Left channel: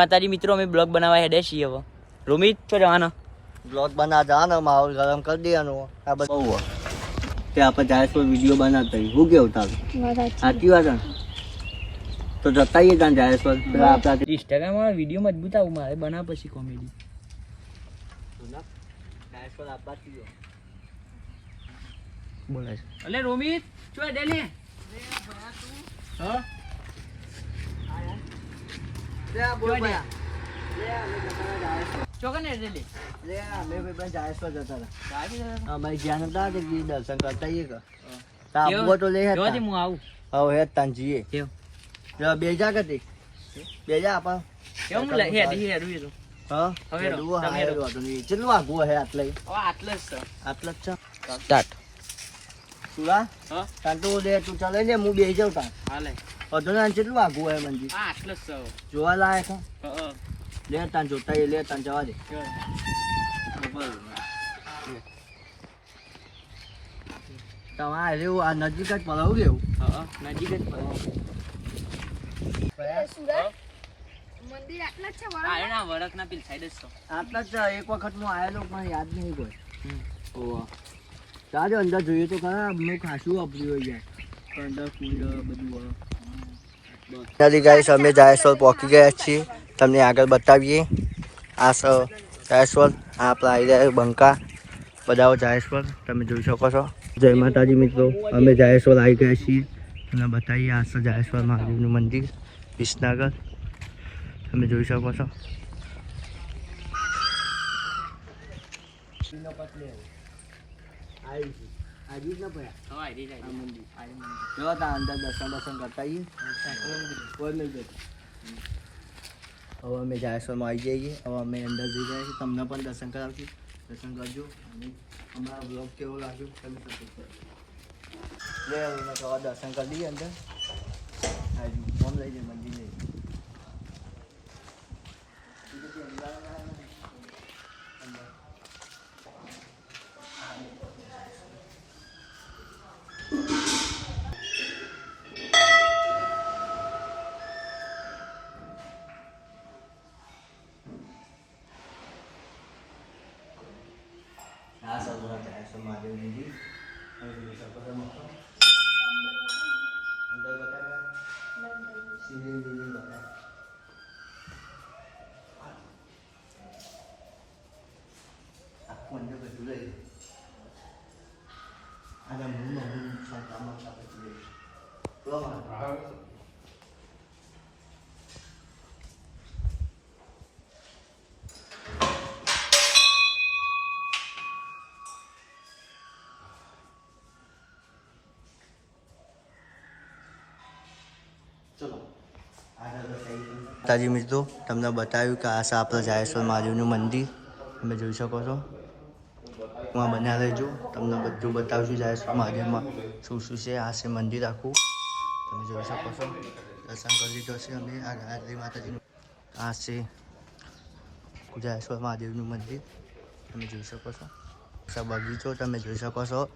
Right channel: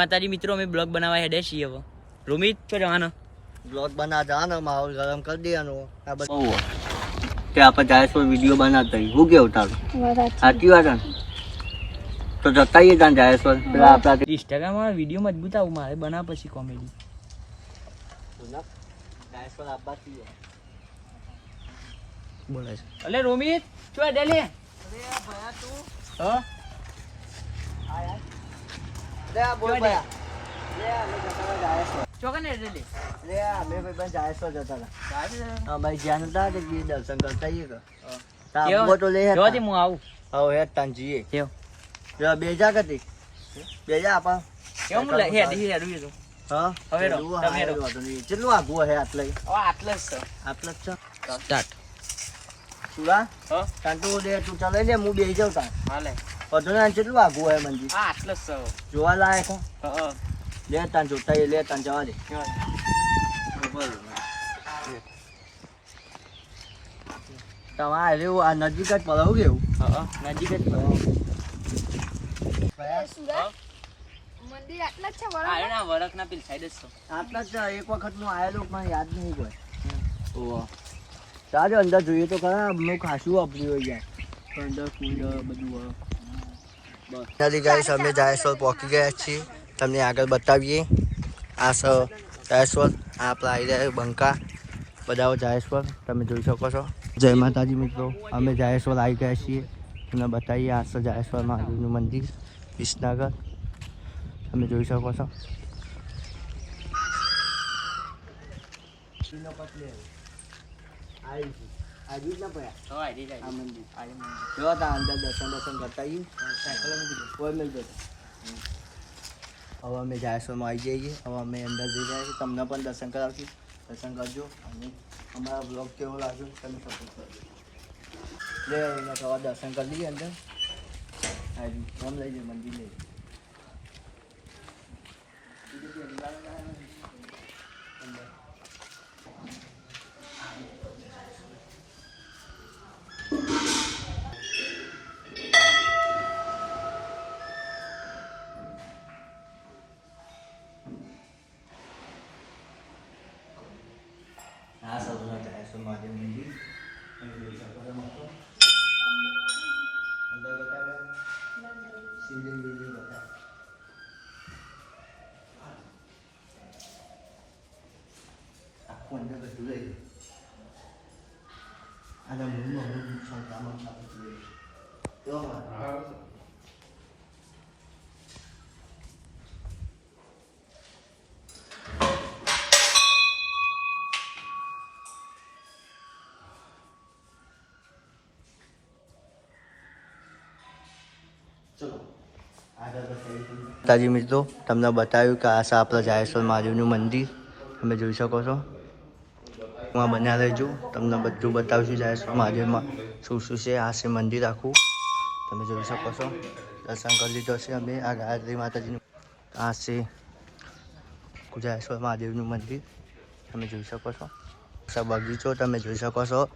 માતાજી મિત્રો અમે બ્લોગ બનાવવા હેડે છીએ હવે. રોમિત તો જવાના બ્લોગ બના જવાનો માહોલ ગરમ કરી દેવાનો. આ બધું કે આપણે જાયસો વીડિયો બનાવતા હોય. હું કેવું તારું? સાચી. વાત ને? તો જતા આવીએ ત્યાં જાયસો પેલા આપણા ઇન્સ્ટાગ્રામમાં વીડિયો મજબૂત આવું મારે બનાવ પછી કોમેડી બોલે છે. અલે રોમિત ચો ડેલે? હા? કેવો? જો બેજા કતી બેજા આપા. કેવું લખી હેડી હેડું છું હા હવે હેડો, કેટલું તમે હેડો. હારું હતું નહીં. કેટલું આગું હે આટલે? આટલે જ આટલે જ છે? સ્ટાર્ટ સુરા હા. તું લે તું ચાલે ને હું બેસી જાઉં હાલે વધુ ના કેટલું આગું હોય મંજી? આ આટલે જ જોવા લાયક હા. લે તાન જોતા લે તાન જવા દે. તમારે એવું આ નજીક જ હું કેવું હા નજીક જ પડે. મંદિર આટલા જ છે વરખના પેલી સાઈડ જ છે. આટલા જ છે. એક વખત હું આવેલો પણ યાદ નહીં કોઈ. ઓહ. ચાલો અંદર જોઈએ તો ખરા હું ખાસું વાપર્યું હોય યાર. અંદર કુંડ બધું હોય બસ ગાઈસ અમે જાયસોલ પહોંચી ગયા છીએ તમને આગળ બતાવીએ આ સ જાયસોલ આ આપણા આવી રહ્યા બંકા બધા જાયસોલ તમે જોઈ શકો છો જય માતાજી મિત્રો અમે જાયસોલ આવી ગયા છીએ તમને બતાવીએ આ છે જાયસોલ મહાદેવનું મંદિર વિસનગર તમે જોઈ શકો છો આજુ જ ના પડ્યા તો આઈ જાય આ મંદિર આજે મંદિર જો તા અંદર દર્શન દર્શન કરતા સાયકલ મૂકી કોઈ લઈ જતો. હવે અમે જાયસોમાં આવી જઈએ. હવે અમે અંદર જઈ જાય તમને પણ દર્શન કરાવશું. દર્શન કરજો. અને અમારા બ્લોગ કેવો લાગ્યો તમે સપોર્ટ કરજો. લે હવે દર્શન કરી લઈએ અંદર. હાજી ફોન લઈ જઈએ મંદિર લઈ જઈએ. સૌના જાયસો મહાદેવ મંદિર તમે જોઈ શકો છો મિત્રો. અંદર બતાવ્યા શિવલિંગ બિવલિંગ બતાવ્યા આખું અંદર બધું લઈ લે. આના મૂળમાં મૂળ સંતામાં બધું લઈ માતાજી મિત્રો, તમને બતાવ્યું કે આ છે જાયેશ્વર મહાદેવનું મંદિર. તમે જોઈ શકો છો. હું બન્યા રહેજો. તમને બધું બતાવશું જાયેશ્વર મહાદેવમાં શું શું છે, આ છે મંદિર આખું. તમે જોઈ શકો છો. દર્શન કરી લીધો છે અમે. આ ગાયત્રી માતાજીનું આ છે જાયેશ્વર મહાદેવનું મંદિર. તમે જોઈ શકો છો. બગીચો, તમે જોઈ શકો છો.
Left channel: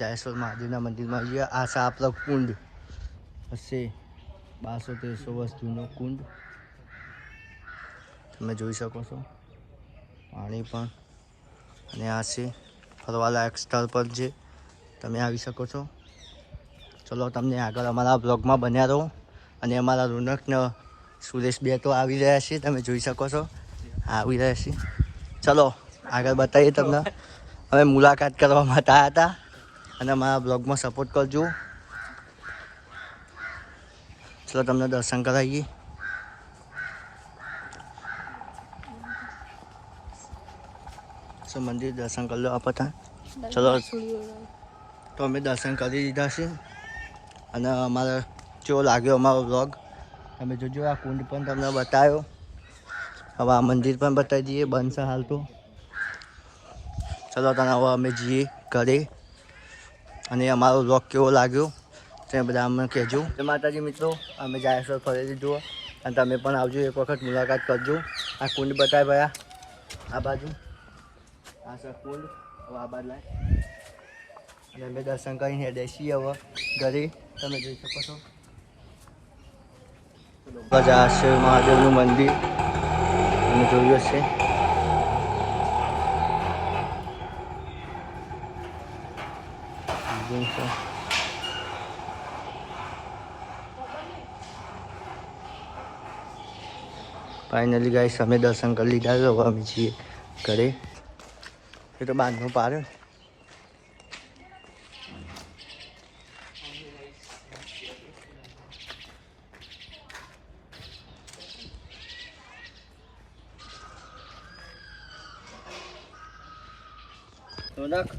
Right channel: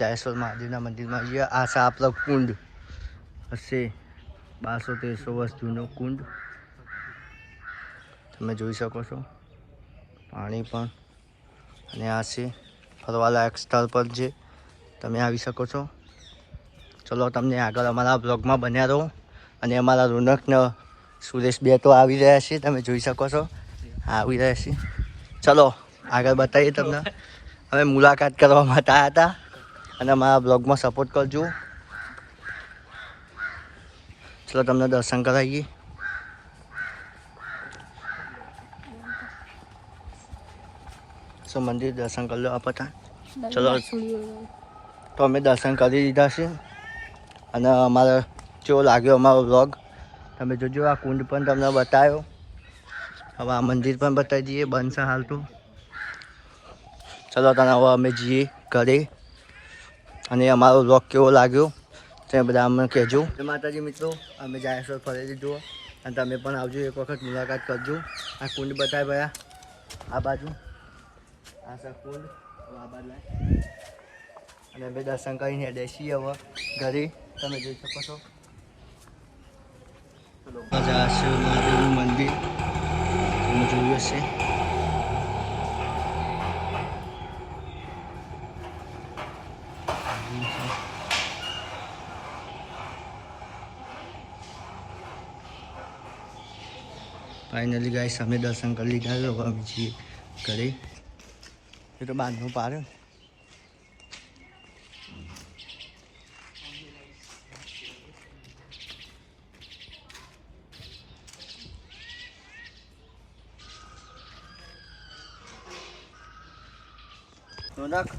જાયેશ્વર મહાદેવના મંદિરમાં આ છે આપણો કુંડ હશે. બારસો તેરસો વર્ષ જૂનો કુંડ. તમે જોઈ શકો છો. પાણી પણ. અને આ છે ફરવાલાયક સ્થળ પર છે તમે આવી શકો છો. ચલો, તમને આગળ અમારા બ્લોગમાં બન્યા રહો. અને અમારા રોનકને સુરેશ બે તો આવી રહ્યા છે, તમે જોઈ શકો છો. આવી રહ્યા છે. ચલો, આગળ બતાવીએ તમને. અમે મુલાકાત કરવા માટે આવ્યા હતા. અને અમારા બ્લોગમાં સપોર્ટ કરજો. ચલો તમને દર્શન કરાવીએ સો મંદિર દર્શન કરી લો આપતા ચલો તો અમે દર્શન કરી દીધા છે અને અમારે કેવો લાગ્યો અમારો વ્લોગ તમે જોજો આ કુંડ પણ તમને બતાવ્યો હવે આ મંદિર પણ બતાવી દઈએ બંધ છે હાલ તો ચલો તને હવે અમે જઈએ ઘરે અને અમારો વ્લોગ કેવો લાગ્યો તે બધા અમને કહેજો. માતાજી મિત્રો, અમે જાયેશ્વર ફરી દીધું અને તમે પણ આવજો, એક વખત મુલાકાત કરજો. આ કુંડ બતાવી ભયા આ બાજુ. આ સર કુંડ, હવે આ બાજુ. અને અમે દર્શન કરીને બેસીએ હવે ઘરે. તમે જોઈ શકો છો. આ મહાદેવનું મંદિર. અમે જોયું હશે. ફાઇનલી ગાઈસ અમે દર્શન કરી લીધા તો અમે છીએ ઘરે. એ તો બાંધવું પાડે. ને. રોનક,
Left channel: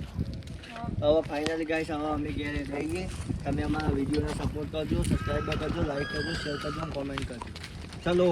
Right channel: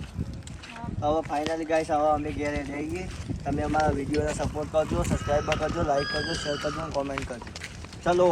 હવે ફાઇનલી ગાઈસ હવે અમે ઘેરે જઈએ તમે અમારા વિડીયોને સપોર્ટ કરજો સબસ્ક્રાઈબ કરજો લાઈક કરજો શેર કરજો કોમેન્ટ કરજો. ચલો.